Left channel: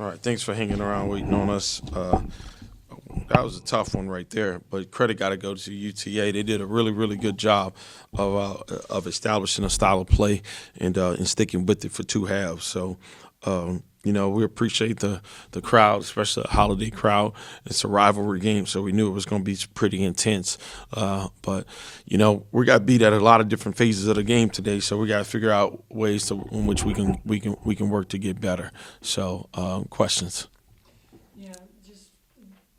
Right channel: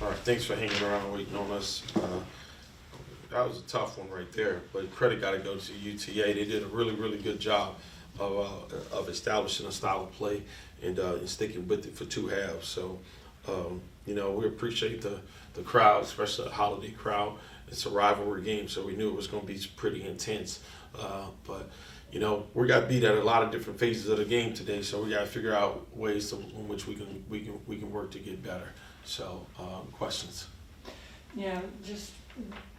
All right, thanks for hanging around waiting on us. That was a tough one right there, but credit got to go to UTA. They did a really, really good job of establishing a style of play and sticking with it for two halves. So, we appreciate the crowd, especially the holiday crowd. It's a rivalry game, so we knew it was going to be pretty intense. But we got beat at a lot of different phases of the game today, so we got to figure out ways in which we can work to get better. So, questions. Yeah, just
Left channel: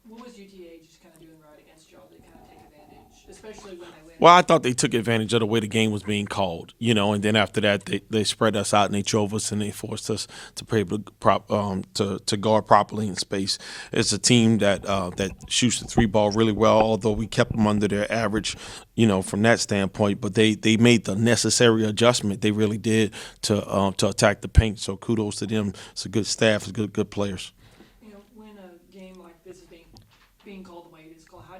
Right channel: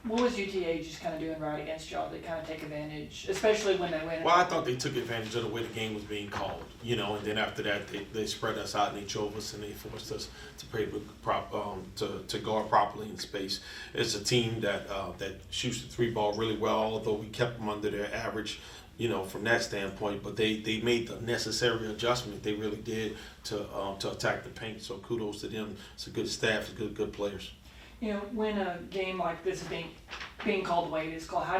what was UTA just kind of doing right against y'all to kind of take advantage, especially when they win? Well, I thought they took advantage of the way the game was being called, and then after that they spread us out and they drove us and they forced us to be able to guard properly in space. It's a team that shoots the three ball really well, although we kept them under their average, from that standpoint. But they made the necessary adjustment. They really did to attack the paint. So kudos to them. It's a good staff. It's good players. When a game like this is being called the way it is called, how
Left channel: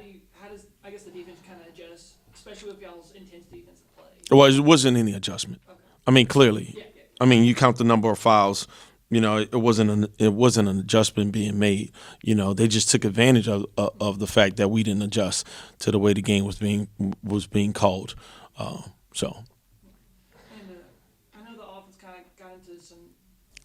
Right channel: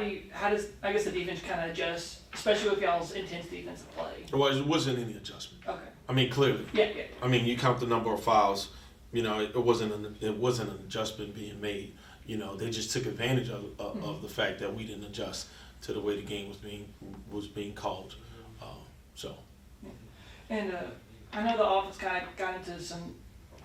does I guess the defense kind of adjust, especially with y'all's intense defensive play? Well, it wasn't any adjustment. Okay. I mean, clearly. Yeah. I mean, you count the number of fouls. It wasn't an adjustment being made. They just took advantage of the fact that we didn't adjust to the way the game was being called. And I know the offense kind of got into some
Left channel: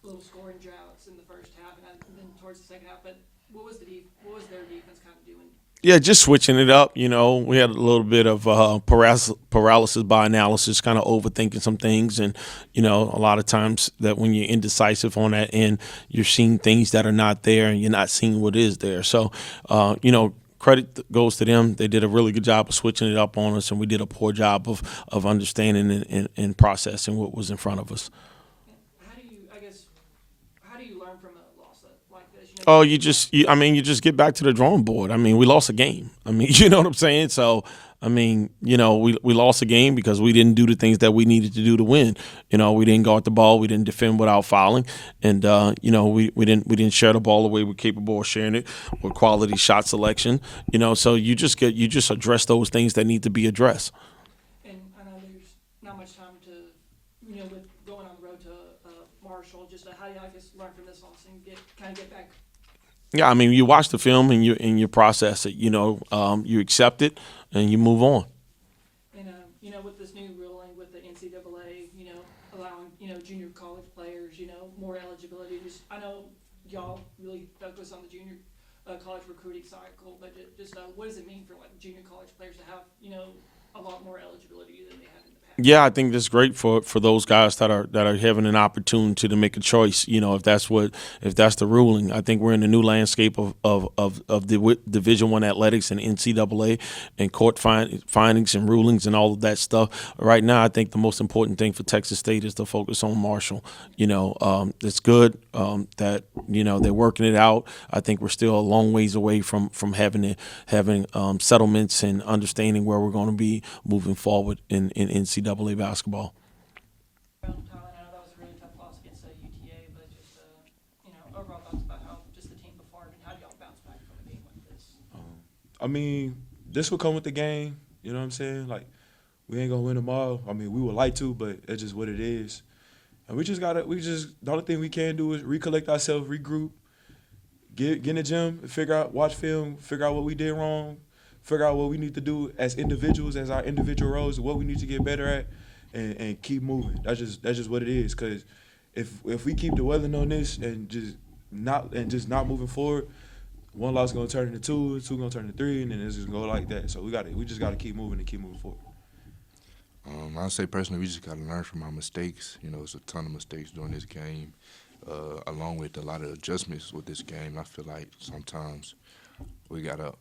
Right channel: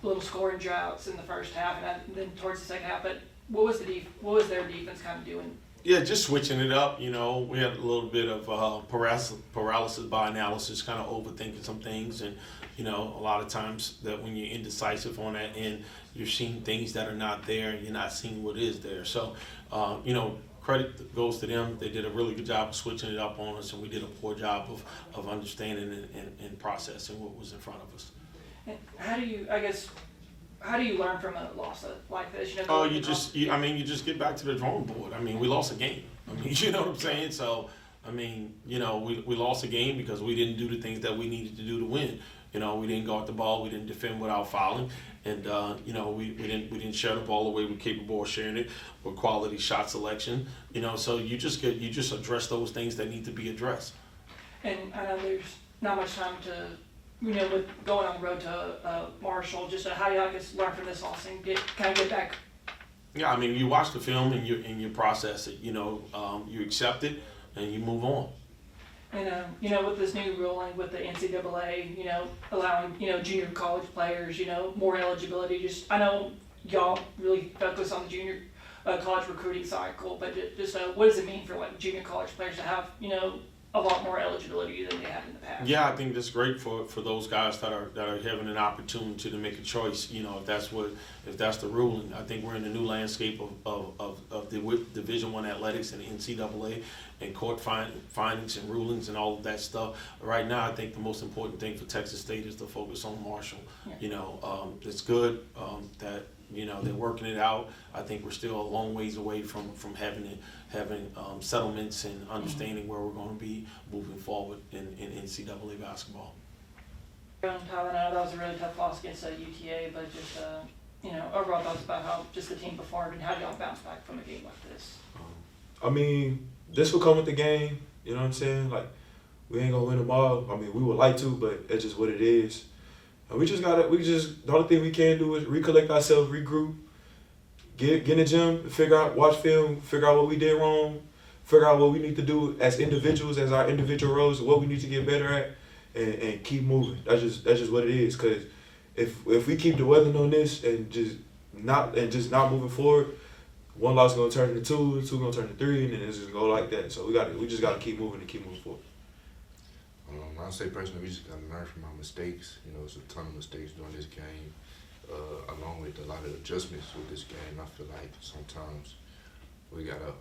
little scoring droughts in the first half, and then towards the second half. But what was their defense kind of doing? Yeah, just switching it up. We had a little bit of paralysis by analysis, kind of overthinking some things, and a lot of times that when you're indecisive on that end, you're seeing things that are not there, and you're not seeing what is there. So, credit goes to them. They did a really good job of switching it up on us, and we did a poor job of understanding and processing what was in front of us. How do you learn from a loss like this? You just get back to the drawing board. I mean, we lost a game. I mean, you know what I'm saying? So, we lost a game because we didn't do the things that we needed to do to win. We didn't guard the ball. We didn't defend without fouling. And, we didn't share the ball the way we're capable of sharing it with quality shot selection. So you just address those things that need to be addressed. And I know there's not much time to, with going on the road to Marshall, just how do you learn from this loss and get back? Yeah, you watch the film and you process it. You accept it and you move on. And with this new ruling with the NCAA, allowing junior college players, more eligibility. Just I know y'all really focus on the junior college recruiting cycle, but just what does it mean for junior college players to have a lot more eligibility than they had in the past? Yeah, I think that's great for those guys that are having an opportunity to make a choice. If that's the ruling. I think we're in a new landscape of the Division I athletics and NCAA and court findings and rulings and all of that stuff. Right now, I think the most important thing for Texas State is to focus on Marshall. It's good that they're working it out. I think we're still a long ways away from having settlements and understanding where we're going to be moving forward in NCAA basketball. Tyler, I know that was a really tough loss against UTA, but just overall thoughts about how just the team performed and how y'all bounce back from a game like this. This will come with the game. You know what I'm saying? We ain't gonna win them all. we would like to, but that's just what it is. And the only thing we can do is recollect ourselves, regroup, get in the gym, watch film, figure out what we did wrong, figure out what we need to do as individuals, as our individual roles, what we need to get better at, and keep moving. That's just what it is. Cause if we keep dwelling on this and just not moving forward, one loss is gonna turn into two gonna turn to three, and then it's just gonna go like that. So we just gotta keep moving forward. I'd say personally, we just gotta learn from our mistakes. It's a ton of mistakes during this game, along with a lot of adjustments with this game. I feel like sometimes we got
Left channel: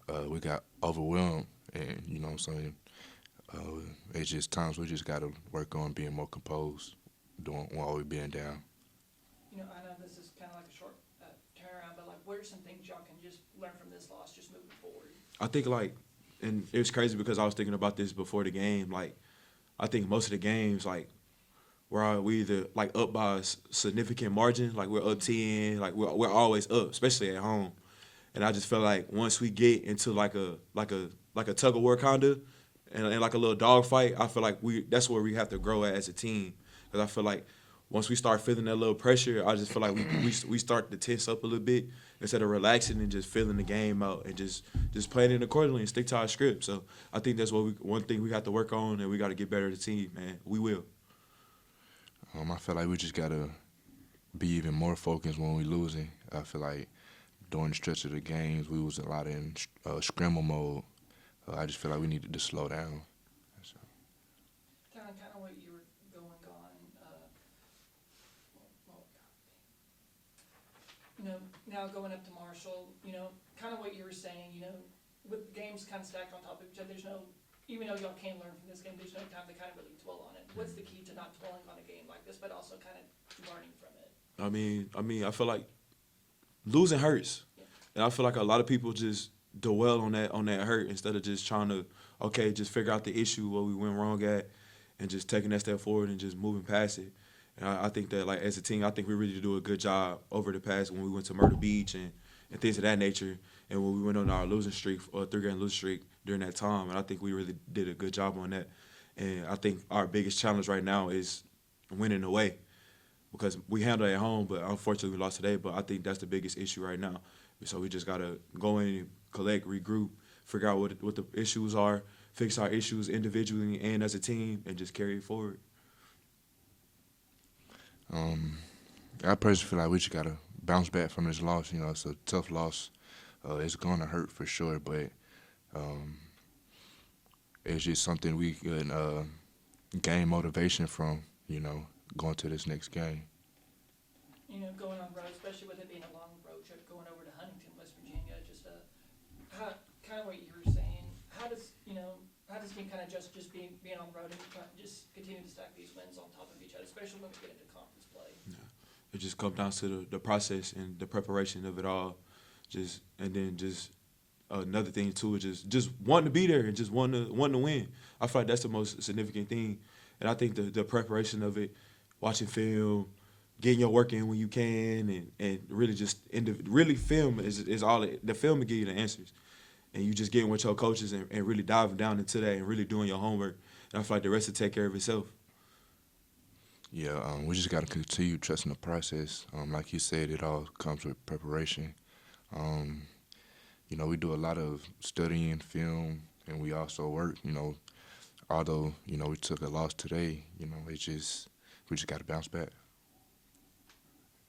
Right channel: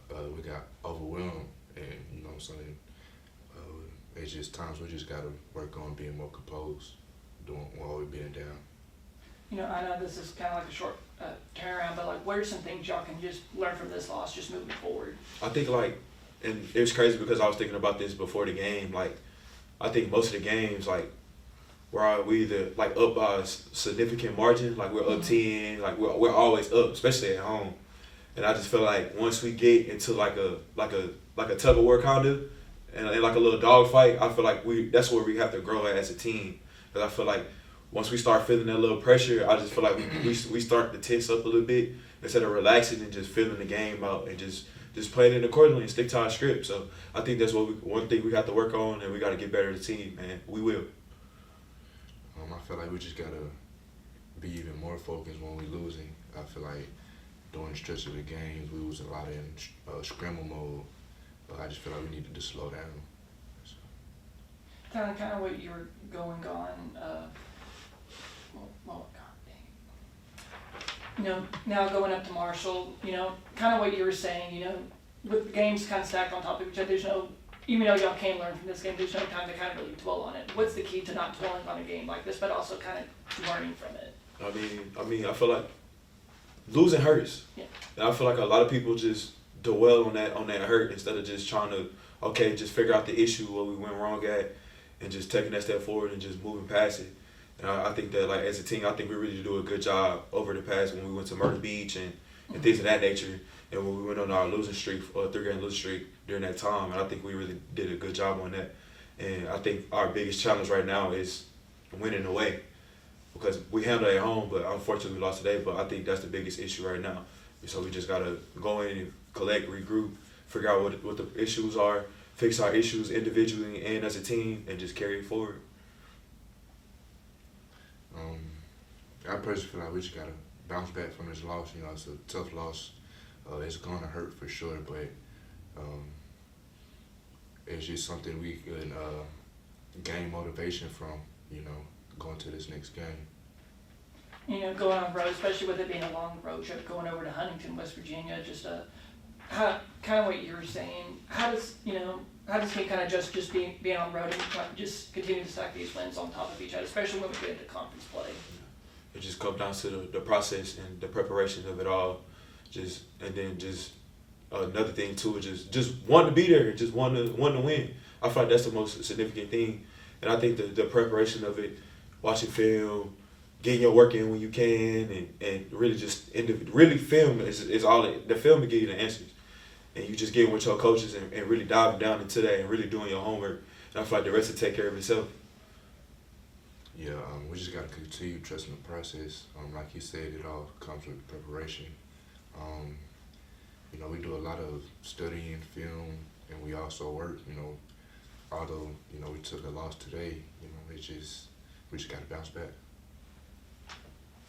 overwhelmed, and what I'm saying, it's just times we just gotta work on being more composed, while we're being down. I know this is kind of like a short turnaround, but what are some things y'all can just learn from this loss, just moving forward? I think and it's crazy because I was thinking about this before the game. I think most of the games we either up by a significant margin, we're up 10, we're always up, especially at home. And I just feel like once we get into a tug of war kind of, and like a little dog fight, I feel like that's where we have to grow as a team. Because I feel like once we start feeling that little pressure, I just feel like we start to tense up a little bit instead of relaxing and just feeling the game out and just playing it accordingly and stick to our script. So I think that's one thing we got to work on, and we got to get better as a team, man. We will. I feel like we just gotta be even more focused when we're losing. I feel like during the stretch of the games, we was a lot in scramble mode. I just feel like we needed to slow down. So. Kind of what you were going on. Well, God dang. You know, now going up to Marshall, you know, kind of what you were saying, you know, with the games kind of stacked on top of each other, there's no, even though y'all can learn from this game, there's no time to kind of really dwell on it. What's the key to not dwelling on a game like this, but also kind of learning from it? I feel like losing hurts, Yeah. and I feel like a lot of people just dwell on that hurt instead of just trying to just figure out the issue, what we went wrong at, and just taking that step forward and just moving past it. And I think that, like, as a team, I think we really do a good job over the past when we went to Myrtle Beach and things of that nature, and when we went on our losing streak, or 3-game losing streak during that time. And I think we really did a good job on that. And I think our biggest challenge right now is winning away, because we handled it at home, but unfortunately we lost today. But I think that's the biggest issue right now. So we just gotta go in and collect, regroup, figure out what the issues are, fix our issues individually and as a team, and just carry it forward. I personally feel like we just gotta bounce back from this loss. You know, it's a tough loss. It's gonna hurt for sure, but it's just something we can gain motivation from. You know, going to this next game. You know, going on road, especially with it being a long road trip, going over to Huntington, West Virginia, just kind of what you were saying. How does he kind of just being on road and just continue to stack these wins on top of each other, especially when we get into conference play? It just comes down to the process and the preparation of it all. Another thing too is just wanting to be there and just wanting to win. I feel like that's the most significant thing, and I think the preparation of it, watching film, getting your work in when you can, and really just really film is all the film will give you the answers, and you just getting with your coaches and really diving down into that and really doing your homework. And I feel like the rest will take care of itself. Yeah, we just got to continue trusting the process. Like you said, it all comes with preparation. You know, we do a lot of studying film, and we also work. You know, although we took a loss today, we just got to bounce back.